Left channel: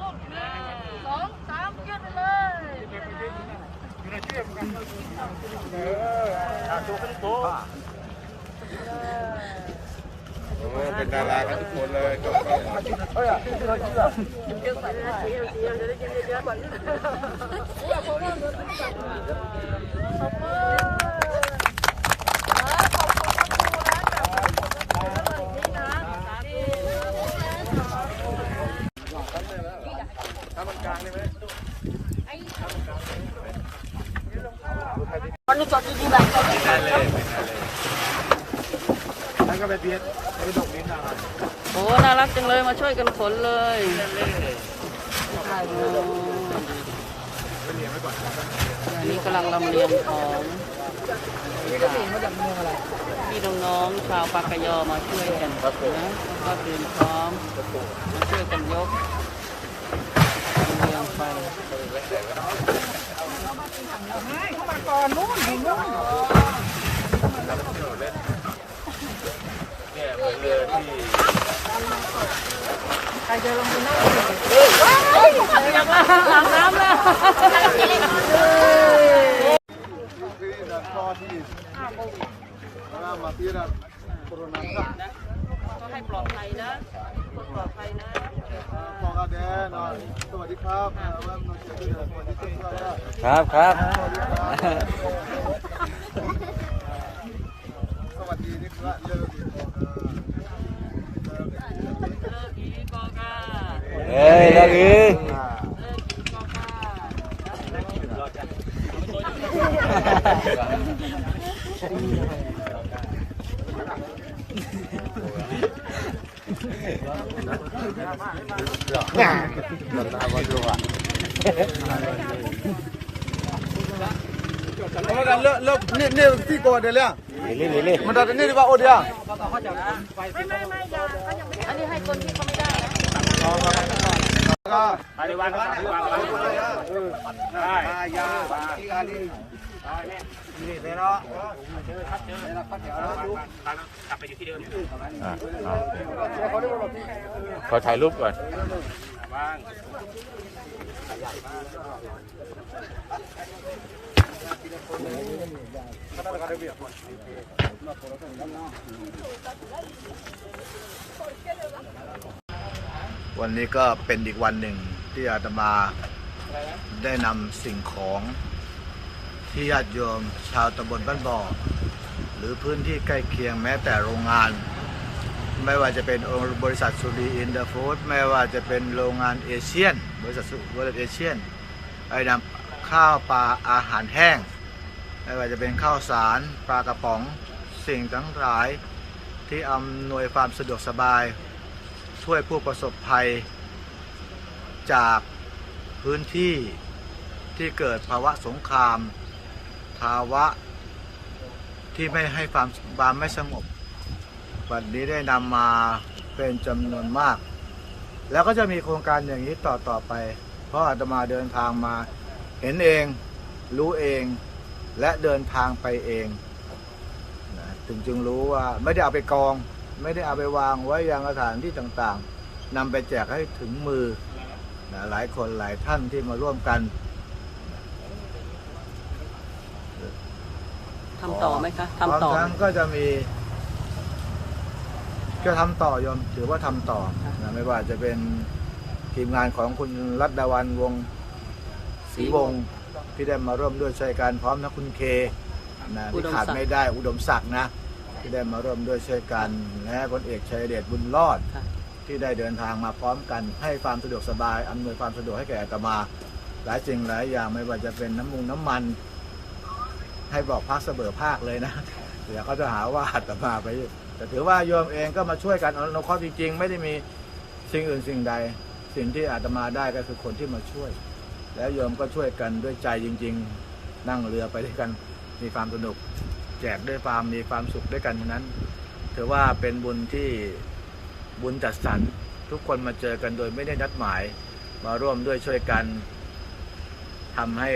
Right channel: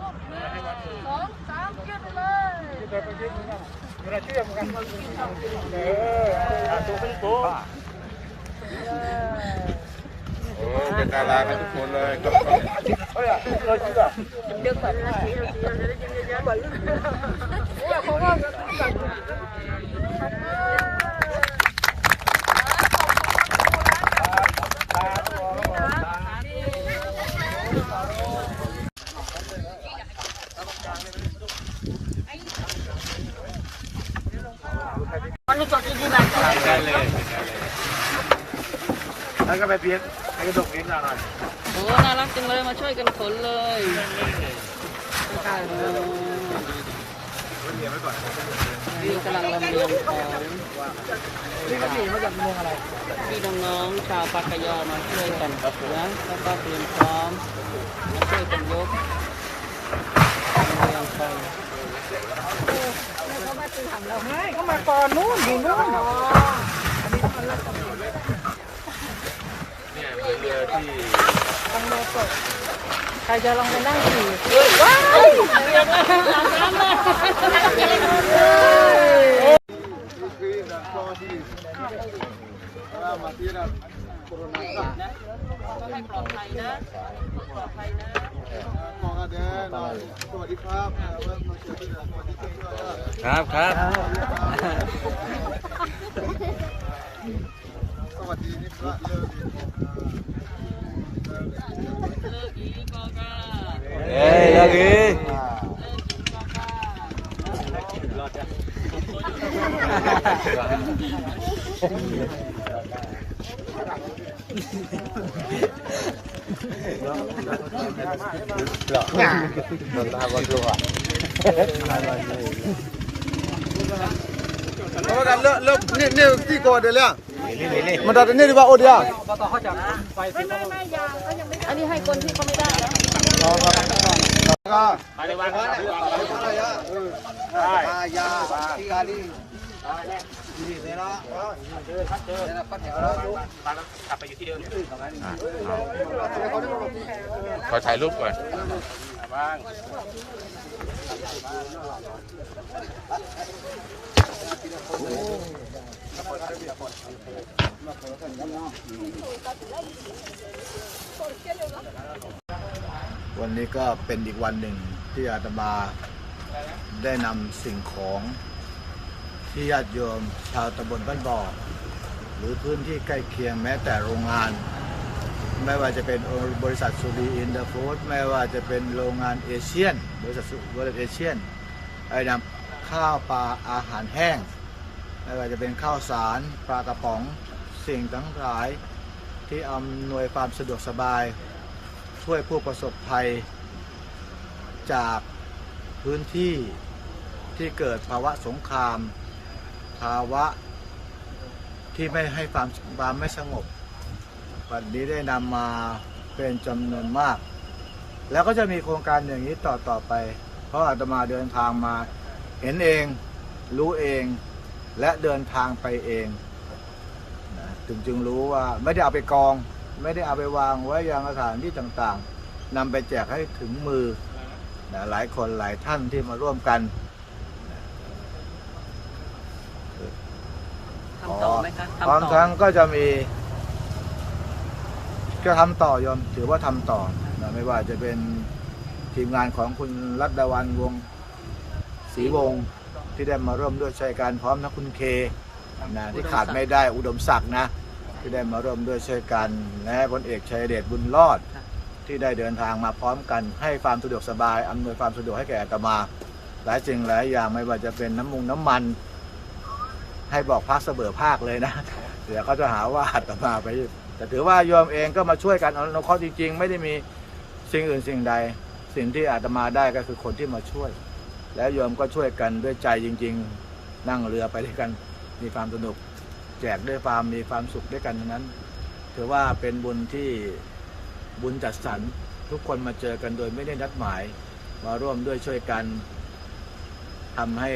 สองสามยืดไปเลยโอ้เป็นดารากันทุกคนเลยก็ก็เพราะว่ามันตัด แน่เลยนั่นก็ไปเพี้ยนกระดกนิ้นหน่อยโอ้น่ารักจังเลยมาช่วยกันขนเลยนี่กำลังลำเลียงของนี่ก็หนีมาจากเมืองอะไรพี่น้องๆชาวปากกยอมาช่วยกันนะแล้วก็เตรียมพร้อมมาช่วยกันยกลำเลียงไป เนี่ยเหมือนเรือที่ใครจะลงมาได้ถึงเอ้ยเอาอย่างละหลังน้ำละก็ให้ปลอดภัยนะ ปลอดภัยนะพอกาแดนอยสวัสดีครับว่าน้องเชื่อสวัสดีครับครับครับสวัสดีครับสวัสดีนี่พระเลิกอีกคนเลิกเลิกอีกอกาเอ้ยพี่เลิกอีกอกาเอากัน เลิกเลิกนี่นี่ที่ก่อนเดี๋ยวเลยมันได้นี่ดีกว่าโอ้เดียวไปในวันที่วางไว้อะไรอะยาที่กาลีนี่เนาะเจอครับเจอแล้วปัดแถวแล้วกลับไปอยู่ที่เดิม ขอถ่ายรูปก่อนวันนี้ก็เป็นอีกวันหนึ่ง ที่อาตมาได้นำสิ่งของที่ญาติโยมชาวตำบลบ้านบ่อ หรือพื้นที่ใกล้เคียงแม้แต่โรงงาน ไม่ว่าจะเป็นบริษัทสุรีอินเดอร์ฟู้ดไม่ว่าจะเป็นโรงงานเอเชียน บริษัทสุบริษัทเอเชียนไอ้นำข้าวปลาอาหารแห้ง ไม่ว่าจะเป็นข้าวสารปลากระป๋องสิ่งทั้งหลายที่อำนวยความสะดวกสบาย ช่วยผู้ประสบภัย จากพื้นที่ที่เกิดภาวะสงคราม ภาวะที่ไม่ให้ความความไม่สงบวันนี้ได้นำมาเป็นจำนวนมาก แล้วก็จะมีโครงการอย่างนี้ต่อต่อไป เพราะอาตมาเดินทางมาเห็นเอง รู้เอง และเดินทางไปเองนะถึงจึงรู้ว่าไม่ได้เอาไปกอง ไม่ได้เอาไปวางไว้ยังสถานที่ต่างๆนำไปแจกให้ถึงมือ นะหลายคนหลายท่านที่มาร่วมกันทำต่อไหมคะพร้อมทำต่อทั้งก็จะมี ก็ทำต่อยอมถือว่าทำต่อนะไม่ว่าจะเป็นทีมงานของคุณรัตดาวันวงศรีวงศ์ที่ได้มาร่วมด้วยช่วยกันพร้อมทั้งคุณเคนะที่ขาดไม่ได้อุดมศักดิ์นะ ที่ได้มาร่วมด้วยช่วยกันและพลเอกชัยเดชบุญรอด ที่ได้เดินทางมาพร้อมกันให้ความสะดวกสบายอำนวยความสะดวกให้แก่อาตมา หลายสิ่งหลายอย่างไม่ว่าจะเป็นน้ำมุงน้ำมัน ให้บอกพักเสมอภาคเลยนะเดี๋ยวเขาจะหาว่าอาตมาไป แต่ถือว่าโยมเองก็มาช่วยกันอนุเคราะห์จริง ๆ ไม่ได้มีสิ่งอื่นสิ่งใด สิ่งที่อาตมาได้ก็คือคนที่มาช่วย แล้วโยมก็ช่วยกันด้วยใจจริง ๆ นั่งเรือไปด้วยกันมีความสนุก แจกด้วยความมีความสุขด้วยกันนั้น ถือว่าเป็นบุญที่ บุญจัดสรรทุกคนมาเจอกันโดยไม่ได้นัดหมาย มาร่วมด้วยช่วยกันทำให้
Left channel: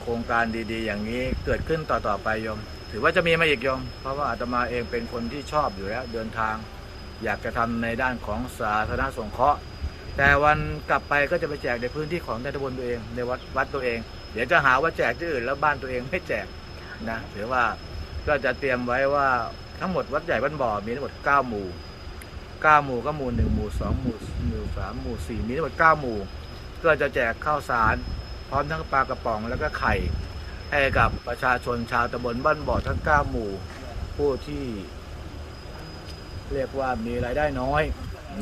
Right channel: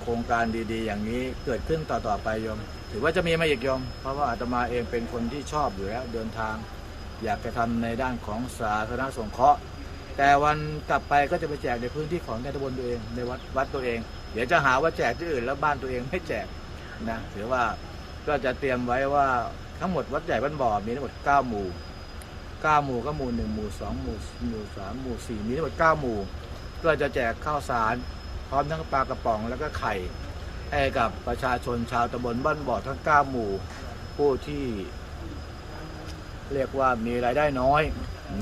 โครงการดีๆ อย่างนี้เกิดขึ้นต่อๆไปโยม ถือว่าจะมีมาอีกโยม เพราะว่าอาตมาเองเป็นคนที่ชอบอยู่แล้ว เดินทาง อยากจะทำในด้านของสาธารณสงเคราะห์ แต่วันกลับไปก็จะไปแจกในพื้นที่ของในตำบลตัวเองในวัดวัดตัวเอง เดี๋ยวจะหาว่าแจกที่อื่นแล้วบ้านตัวเองไม่แจกนะถือว่าก็จะเตรียมไว้ว่าทั้งหมดวัดใหญ่บ้านบ่อมีทั้งหมด 9 หมู่ 9 หมู่ก็หมู่ 1 หมู่ 2 หมู่หมู่3หมู่ 4 มีทั้งหมด 9 หมู่ ก็จะแจกข้าวสาร พร้อมทั้งปลากระป๋องแล้วก็ไข่ ให้กับประชาชนชาวตำบลบ้านบ่อทั้ง 9 หมู่ ผู้ที่ เรียกว่ามีรายได้น้อย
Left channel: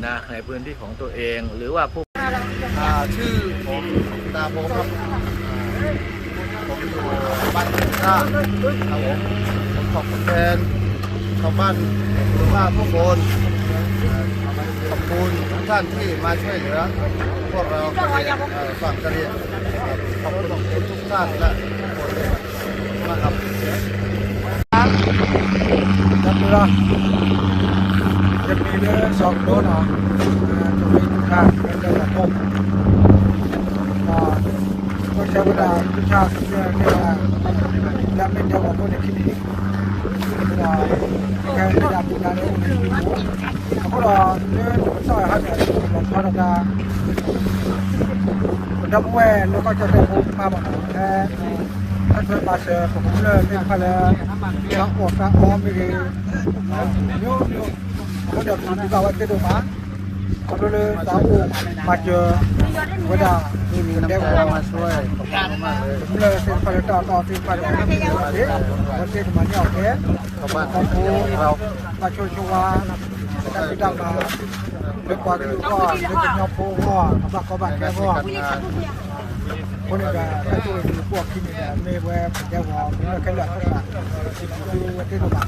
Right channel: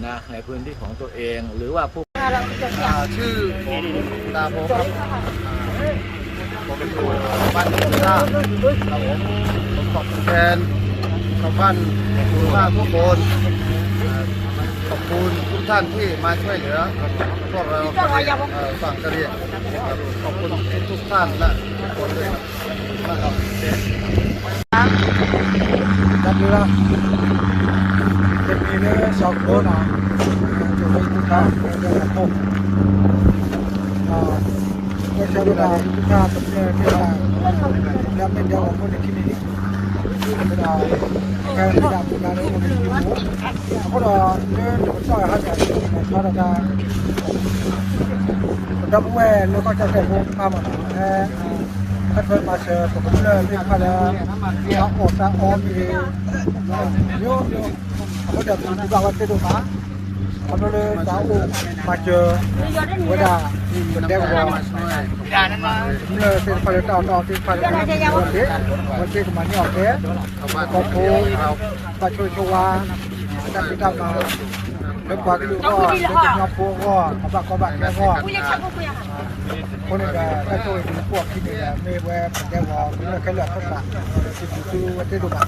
นะในพื้นที่ของตัวเอง หรือว่าผู้ชื่อผมตาโพครับผมอยู่บ้านสุราครับผมผมขอบคุณแทนชาวบ้านสุราทุกคน ขอบคุณทุกท่านที่มาช่วยเหลือ พวกเรากระเรียงเอ่อฝั่งกระเรียงครับขอบคุณทุกทุกท่านและทุกคนด้วยครับขอบคุณมากครับจับเรือจะมีเรือสองโดนอะมาอยู่ในทุกท่าแกได้มาพบก็ก็ใช้เวลาทุกท่าก็จะในเวลาแล้วไม่เดียวกับคนในที่นี่ ဆိုတာကဲမေတ္တာပူတာလေးဝင်လို့အခုတော့လဲတော့ဆောက်ရဟတ်တယ်ဒီမှာဆောက်တော့ကတော့ဘဝလောကချက်ဖို့ပါမလားအဲဆက်ဖက်ပါစေပုံလဲပြန်ဖလဲတော့အော်တာအော်မီရေမျိုးမျိုးအခုတော့ဒီကဝတ်တဲ့တော့ပါ มันเลยสาวอุมาเจอเวดาวันเด็กวอลมันเลยสิ่งผลิตต่อต่อสิ่งผลิตวันเด็กวันเด็กมานนี่ออกเด็กคอมพูปช่วยชัวจะมีดามาเด็กกว่าก็อยู่ก็เด็กจะยอมพูก็มาบักก็บักแค่ก็คนนี้ก็ถ้าช่วยมีพวกที่นี่แหละไม่แวะเป็นแก้ววอลมันเลยแค่เลือดข้างหลังคือวันเด็กดูบัก